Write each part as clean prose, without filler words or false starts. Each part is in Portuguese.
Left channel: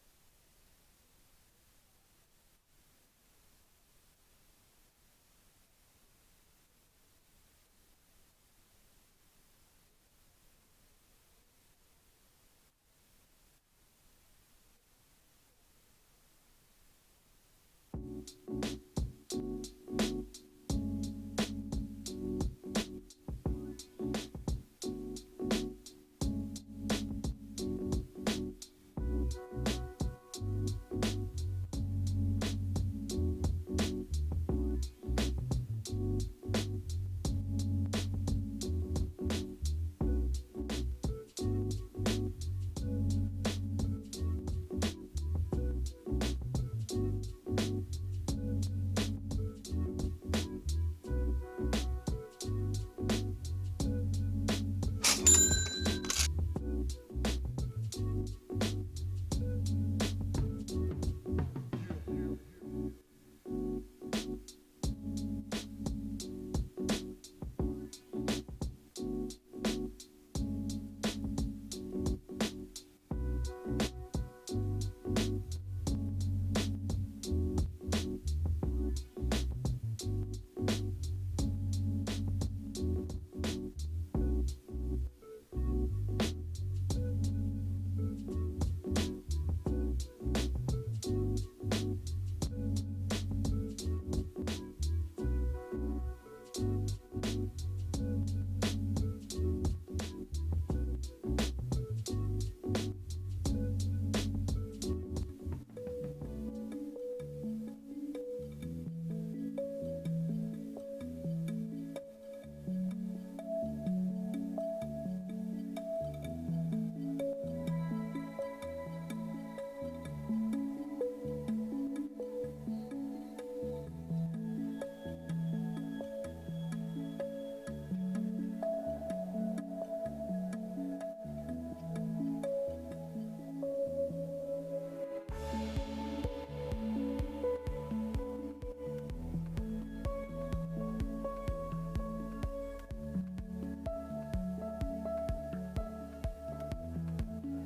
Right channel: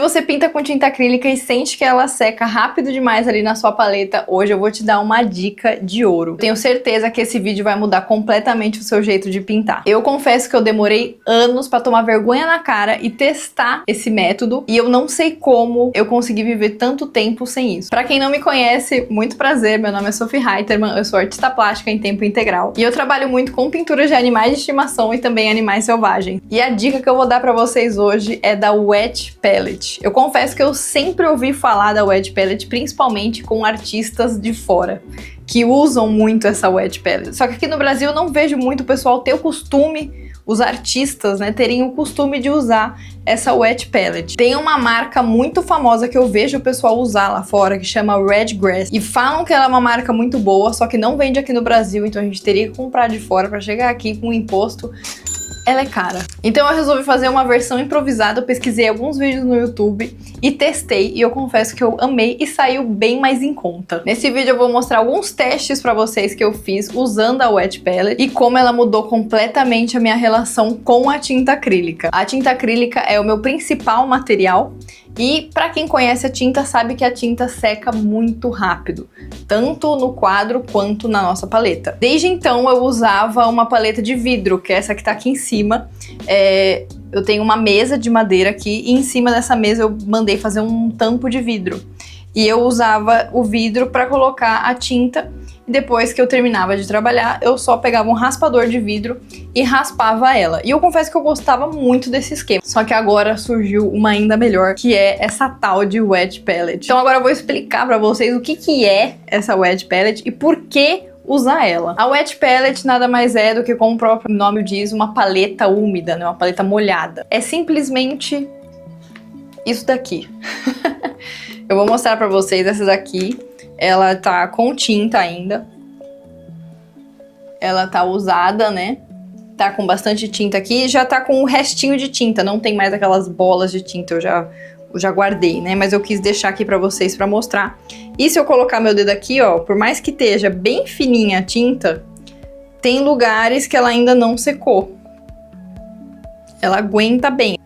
você pinta com tinta acrílica e sente que ela seca rápido demais ali na sua paleta, hoje eu vou te dar uma dica de ouro. Tenho certeza que esse vídeo vai mudar completamente o seu jeito de pintar. Eu confesso que eu demorei anos pra tomar vergonha na cara e testar esse método, e eu não sei como eu consegui viver tanto tempo sem isso. Pra quem não me conhece, muito prazer, meu nome é Sophie Reiterman, eu sou artista plástica em tempo integral, e eu trabalho muito com pinturas de animais de estimação e também animais selvagens. E a dica que eu vou dar pra vocês hoje é da Wet Palette. Eu confesso que eu sempre ouvi falar da Wet Palette, principalmente com artistas de fora, que usam muito essa Wet Palette. Só que aqui no Brasil eu não vejo muito o pessoal ter o costume, os artistas, né, terem o costume de usar essa Wet Palette. Tem uma marca muito famosa que eu vejo o pessoal usar lá fora, que chama Red Grass, e falam que ela é uma marca muito boa, só que não vende aqui no Brasil, então a gente teria que comprar de fora para chegar aqui com imposto. Ela é cara. Então eu resolvi fazer uma versão improvisada, eu pesquisei alguns vídeos no YouTube e testei, e eu confesso que eu amei e saiu bem mais em conta. Nesse vídeo eu vou mostrar alguns testes pra vocês que eu fiz usando a Wet Palette e como ela mudou completamente a minha relação com a tinta acrílica. A tinta acrílica é o meu principal material e pra quem conhece a tinta sabe que a tinta seca muito rápido, tanto no quadro quanto na nossa paleta. Desde então eu usava uma paleta de vidro, que é essa que tá aqui em cima. Eu tenho uma mesa de madeira aqui e em cima dessa mesa eu mandei fazer um tampo de vidro. E eu usava o vidro para colocar a tinta e depois que eu terminava de trabalhar, eu só pegava um raspador de vidro e raspava ela. E eu confesso que eu gostava muito desse esquema. Só que agora surgiu uma ainda melhor, que é essa tal de Wet Palette. Então agora eu vou explicar para vocês o que é essa Wet Palette e por que usar ela. A Wet Palette nada mais é do que, como o próprio nome diz, uma paleta úmida, né? Uma paleta molhada. É simplesmente isso daqui. Eu vou mostrar pra vocês essa daqui. Ela tá com tinta ainda. Ela tá usada, né? Tá com bastante tinta aqui. Já tá com um restinho de tinta. Não tem mais aquelas bolas de tinta. Eu já guardei, né? Mas eu quis deixar aqui pra vocês pra mostrar. E se eu colocar meu dedo aqui, ó, por mais que esteja bem fininha a tinta, tem lugares que ela ainda não secou. Ela aguenta bem.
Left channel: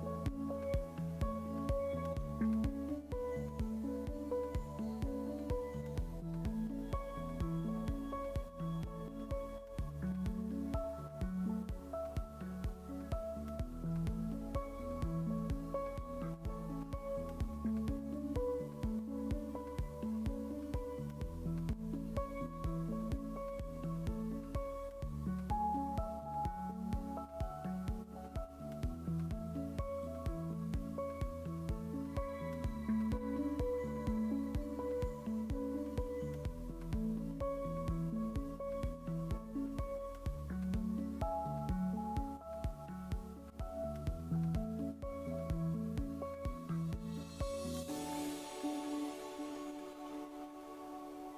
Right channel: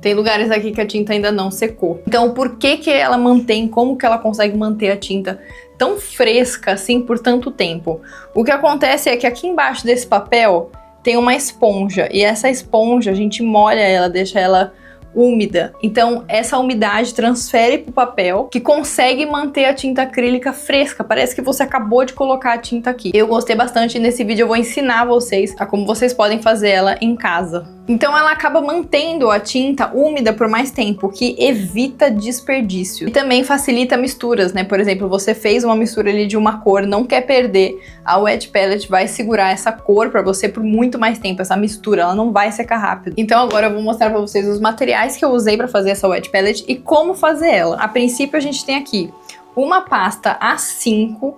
Tem lugares aqui que a tinta ainda não secou. Então, por que ela mantém, como que ela consegue manter a tinta tão fresca assim por tanto tempo? O que acontece é que aqui embaixo desse papel tem uma esponja. E essa esponja, a gente molha ela, deixa ela úmida. Então essa umidade transfere para o papel, que consegue manter a tinta acrílica fresca. Parece que você acabou de colocar a tinta aqui. Eu gostei bastante, e nesse vídeo eu vou ensinar vocês a como vocês podem fazer ela em casa. Então ela acaba mantendo a tinta úmida por mais tempo, o que evita desperdício. E também facilita misturas, né? Por exemplo, você fez uma mistura ali de uma cor, não quer perder, a Wet Palette vai segurar essa cor para você por muito mais tempo, essa mistura, ela não vai secar rápido. Então agora eu vou mostrar para vocês os materiais que eu usei para fazer essa Wet Palette e como fazer ela. A princípio a gente tem aqui uma pasta A5,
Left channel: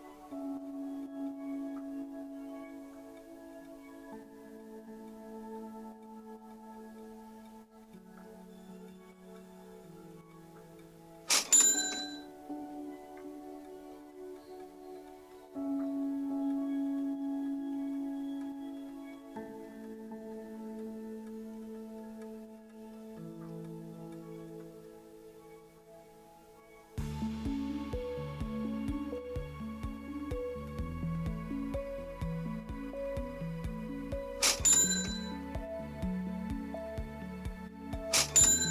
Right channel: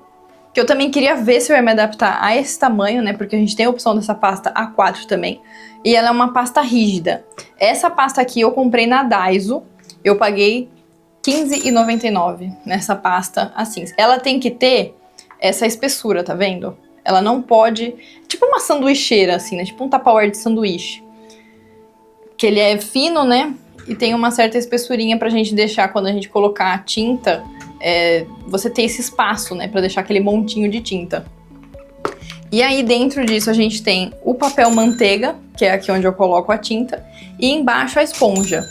que eu também queria ver se eu ia me adaptar a esse tamanho, né? Porque a gente tem a opção dessa pasta A4 também. E ela é uma pasta rígida. Essa pasta aqui eu comprei na Daiso. Eu paguei R$15,99 nessa pasta assim. Ela tem que ter essa espessura, tá vendo? Ela não pode... Tipo uma sanduicheira, assim, né? Tipo um tupperware de sanduíche. Que ele é fino, né? E tem uma certa espessurinha pra gente deixar quando a gente colocar a tinta. Você ter esse espaço, né? Pra deixar aquele montinho de tinta. E aí dentro disso a gente tem o papel manteiga, que é aqui onde eu coloco a tinta. E embaixo a esponja.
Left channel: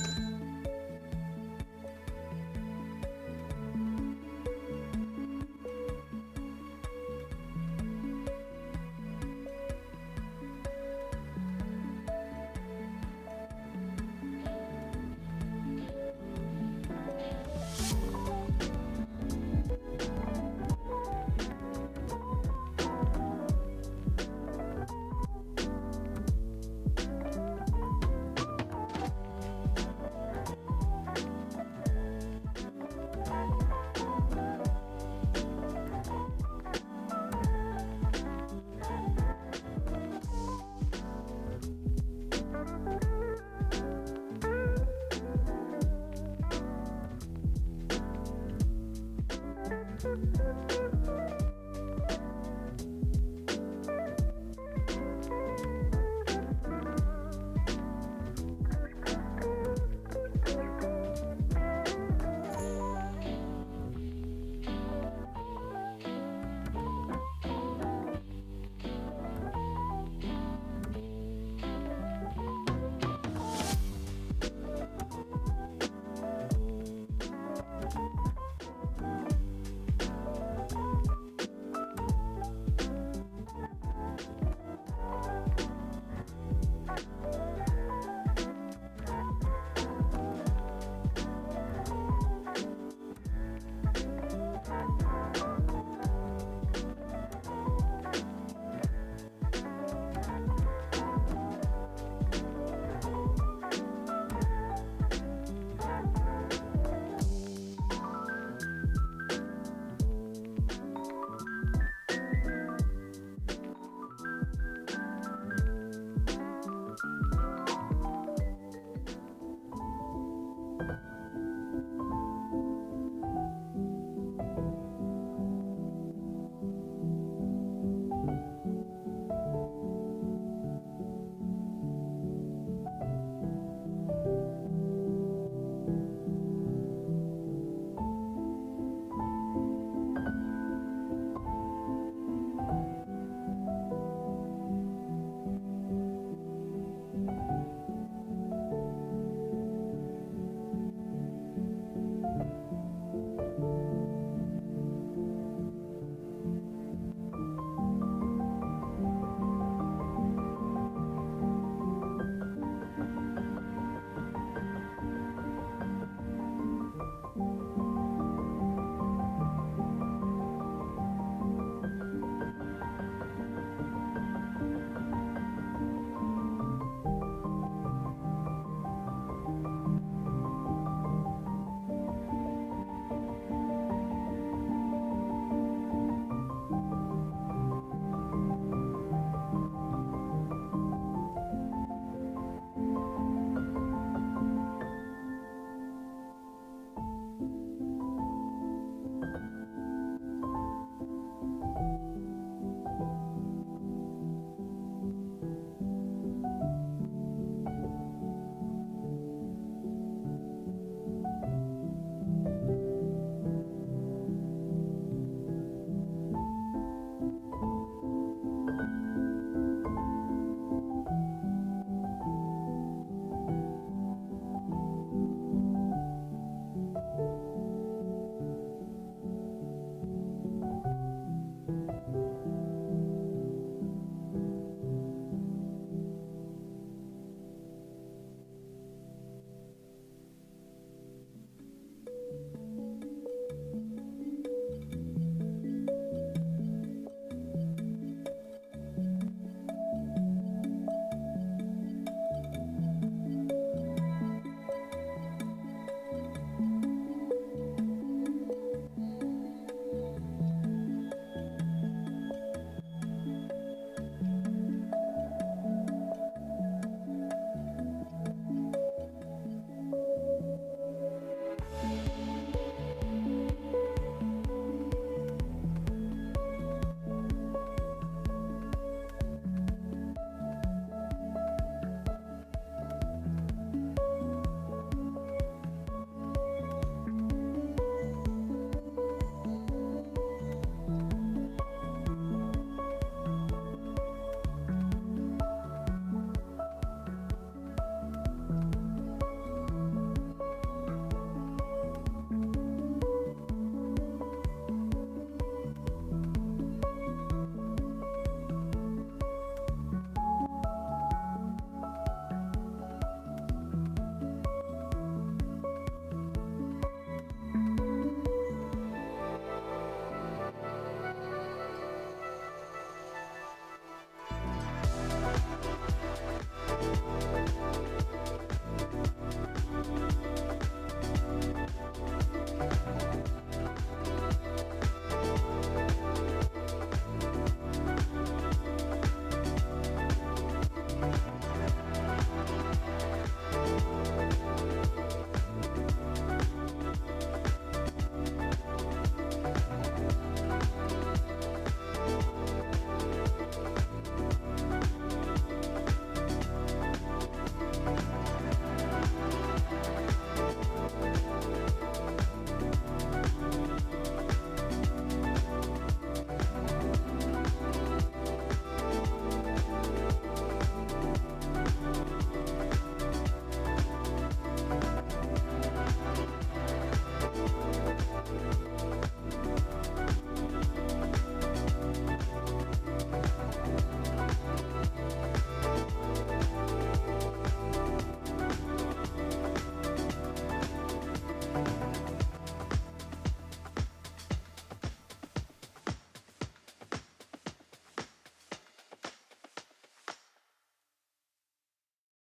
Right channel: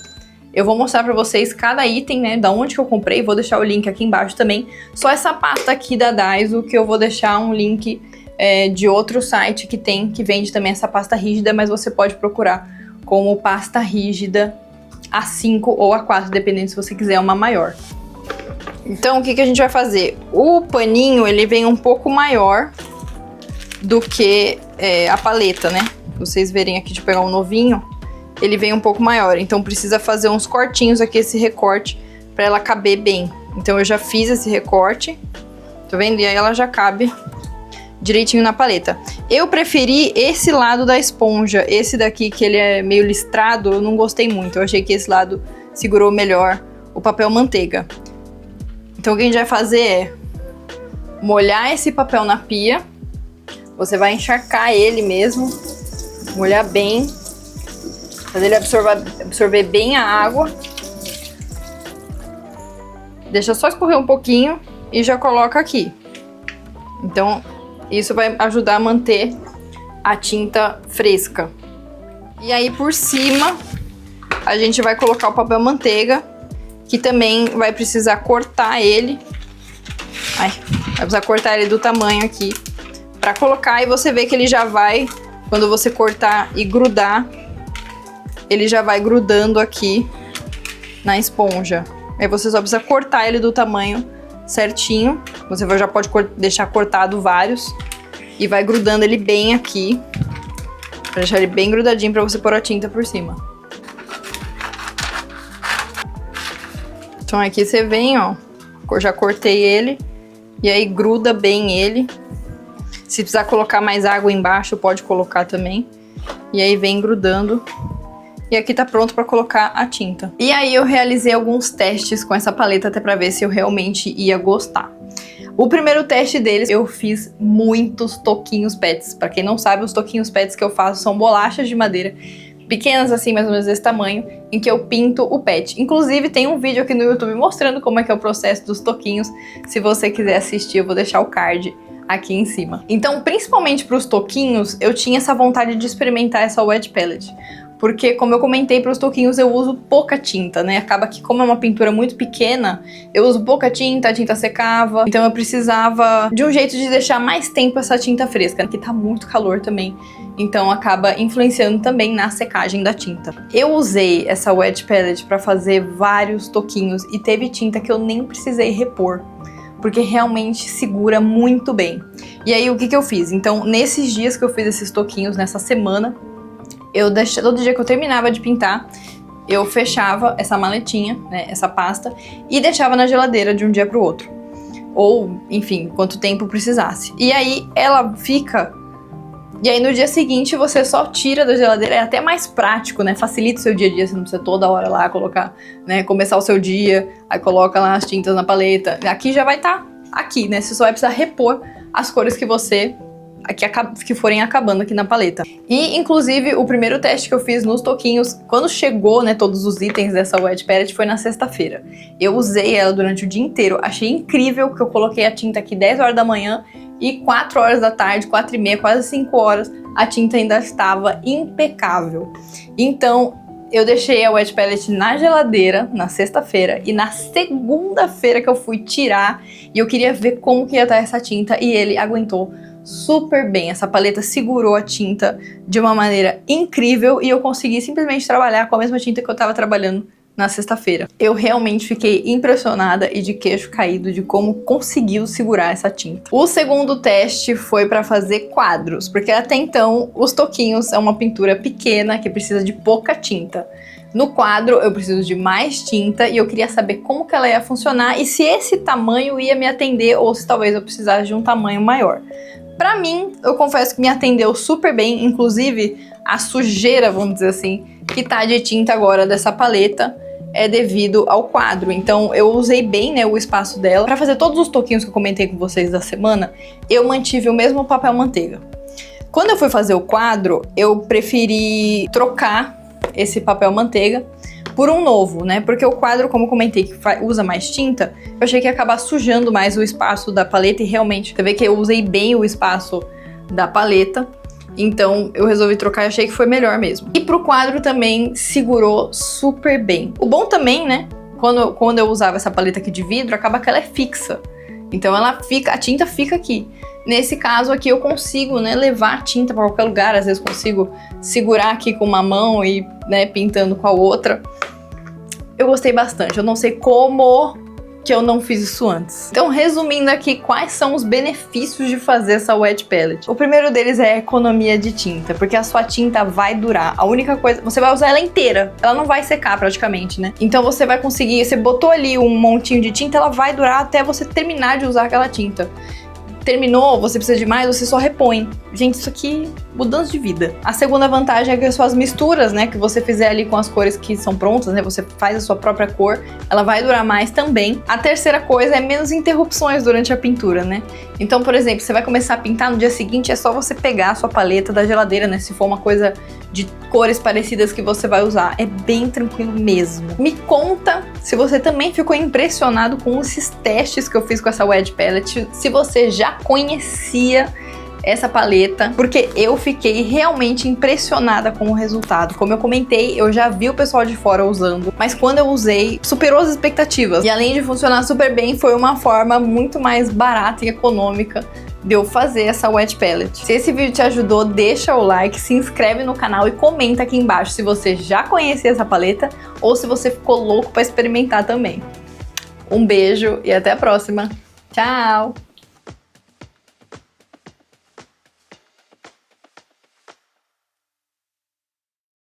Eu vou mostrar pra vocês cada item, né? Da onde que eu comprei. Vou deixar o link aqui embaixo também. Só essa pasta aqui da Daiso, que eu vou deixar um link de outro site que vende também essa pasta rígida. Mas você pode procurar como pasta rígida A5 ou A4, dependendo se você quiser uma maior. Então, o que a gente vai fazer? O paninho, ele vem um pouco maior do que a paleta, né? Vocês verem aqui, de pegar um novinho, ele vem um pouco maior. Então, precisa fazer uns cortinhos aqui, esse recorte, para ela caber bem. Então, eu já fiz esse recorte, tá vendo? E aí ela já cabe direitinho na paleta. Eu preferi esse lado da esponja. Esse daqui, que ele é meio listrado, eu não gostei muito. Eu achei que esse lado segurou melhor o papel manteiga. Então o que a gente vai fazer é molhar esse papel na pia. Você vai encharcar ele mesmo, molhar bem, fazer ele absorver bem a água. Deixa só escorrer um pouquinho e já coloca aqui. Então, isso vai ajudar a manter a tinta fresca. E aí, por cima, a gente vai colocar o papel manteiga, que também vai precisar cortar ele. Vai precisar cortar ele do tamanho aqui pra colocar, e você vê que ele já vai, quando você cortar e grudar, ele já vai grudando aqui na esponja. Aí você só precisa cortar ele do tamanho certinho. Você já pode deixar cortado vários e vai grudando ele bem aqui, pra deixar ele bem grudadinho pra você pôr a tinta por cima. Então aqui você vem, ó, eu já cortei ele e aí gruda bem ele. Se precisar colocar mais água embaixo, pode colocar também. E aí vem grudando. E aqui tá pronto pra colocar a tinta. E aí eu realizei alguns testes com essa paleta até pra ver se eu realmente ia gostar. O primeiro teste deles, eu fiz muitos toquinhos pets. Pra quem não sabe, os toquinhos pets que eu faço são bolachas de madeira pequenas assim, mais ou menos desse tamanho, em que eu pinto o pet. Inclusive tem um vídeo aqui no YouTube mostrando como é que é o processo dos toquinhos. Se você quiser assistir, eu vou deixar o card aqui em cima. Então, principalmente para os toquinhos, eu tinha essa vontade de experimentar essa wet palette. Porque, como eu comentei, para os toquinhos eu uso pouca tinta, né? Acaba que, como é uma pintura muito pequena, eu uso pouca tinta, a tinta secava. Então eu precisava de um jeito de deixar mais tempo essa tinta fresca, que tá muito calor também. Então acaba influenciando também na secagem da tinta. Eu usei essa wet palette para fazer vários toquinhos e teve tinta que eu nem precisei repor, porque realmente segura muito bem. E aí o que eu fiz? Então, nesses dias que eu fiz esses toquinhos, nessa semana, eu deixei, todo dia que eu terminava de pintar, eu fechava essa maletinha, né, essa pasta, e deixava na geladeira de um dia para o outro. Ou, enfim, quanto tempo precisasse. E aí ela fica... E aí no dia seguinte você só tira da geladeira, é até mais prático, né? Facilita o seu dia a dia, você não precisa toda hora lá colocar, né? Começar o seu dia, aí coloca lá as tintas na paleta. Aqui já vai estar aqui, né? Você só vai precisar repor as cores que você... que forem acabando aqui na paleta. E, inclusive, o primeiro teste que eu fiz nos toquinhos, quando chegou, né, todos os itens dessa wet palette, foi na sexta-feira. Eu usei ela durante o dia inteiro, achei incrível que eu coloquei a tinta aqui 10 horas da manhã e 4 horas da tarde, 4 e meia, quase 5 horas, a tinta ainda estava impecável. Então, eu deixei a wet palette na geladeira na sexta-feira e na segunda-feira que eu fui tirar, e eu queria ver como que ia estar essa tinta, e ele aguentou super bem. Essa paleta segurou a tinta de uma maneira incrível e eu consegui simplesmente trabalhar com a mesma tinta que eu estava trabalhando na sexta-feira. Eu realmente fiquei impressionada e de queixo caído de como conseguiu segurar essa tinta. O segundo teste foi para fazer quadros, porque até então os toquinhos é uma pintura pequena que precisa de pouca tinta. No quadro eu preciso de mais tinta e eu queria saber como que ela ia funcionar e se esse tamanho ia me atender ou se talvez eu precisasse de um tamanho maior. Pra mim, eu confesso que me atendeu super bem, inclusive a sujeira, vamos dizer assim, que tá de tinta agora dessa paleta é devido ao quadro. Então eu usei bem, né, o espaço dela. Pra fazer todos os toquinhos que eu comentei com vocês da semana, eu mantive o mesmo papel manteiga. Quando eu fui fazer o quadro, eu preferi trocar esse papel manteiga por um novo, né? Porque o quadro, como eu comentei, que usa mais tinta, eu achei que ia acabar sujando mais o espaço da paleta e realmente, você vê que eu usei bem o espaço da paleta, então eu resolvi trocar e achei que foi melhor mesmo. E pro quadro também segurou super bem. O bom também, né? Quando eu usava essa paleta aqui de vidro, acaba que ela é fixa. Então ela fica, a tinta fica aqui. Nesse caso aqui eu consigo, né, levar a tinta para qualquer lugar, às vezes consigo segurar aqui com uma mão e, né, pintando com a outra. Eu gostei bastante, eu não sei como que eu não fiz isso antes. Então, resumindo aqui, quais são os benefícios de fazer essa wet palette? O primeiro deles é a economia de tinta, porque a sua tinta vai durar. A única coisa, você vai usar ela inteira, ela não vai secar praticamente, né? Então você vai conseguir, você botou ali um montinho de tinta, ela vai durar até você terminar de usar aquela tinta. Terminou, você precisa de mais, você só repõe. Gente, isso aqui, mudança de vida. A segunda vantagem é que as suas misturas, né, que você fizer ali com as cores que são prontas, né, você faz a sua própria cor, ela vai durar mais também. A terceira coisa é menos interrupções durante a pintura, né? Então, por exemplo, você vai começar a pintar no dia seguinte, é só você pegar a sua paleta da geladeira, né, se for uma coisa de cores parecidas que você vai usar. É bem tranquilo mesmo. Me conta se você também ficou impressionado com esses testes que eu fiz com essa Wedge Palette, se você já conhecia essa paleta, porque eu fiquei realmente impressionada com o resultado. Como eu comentei, eu já vi o pessoal de fora usando, mas quando eu usei, superou as expectativas. E além de funcionar super bem, foi uma forma muito mais barata e econômica de eu fazer essa Wedge Palette. Se esse vídeo te ajudou, deixa o like, se inscreve no canal e comenta aqui embaixo se você já conhecia essa paleta ou se você ficou louco para experimentar também. Um beijo e até a próxima. Tchau!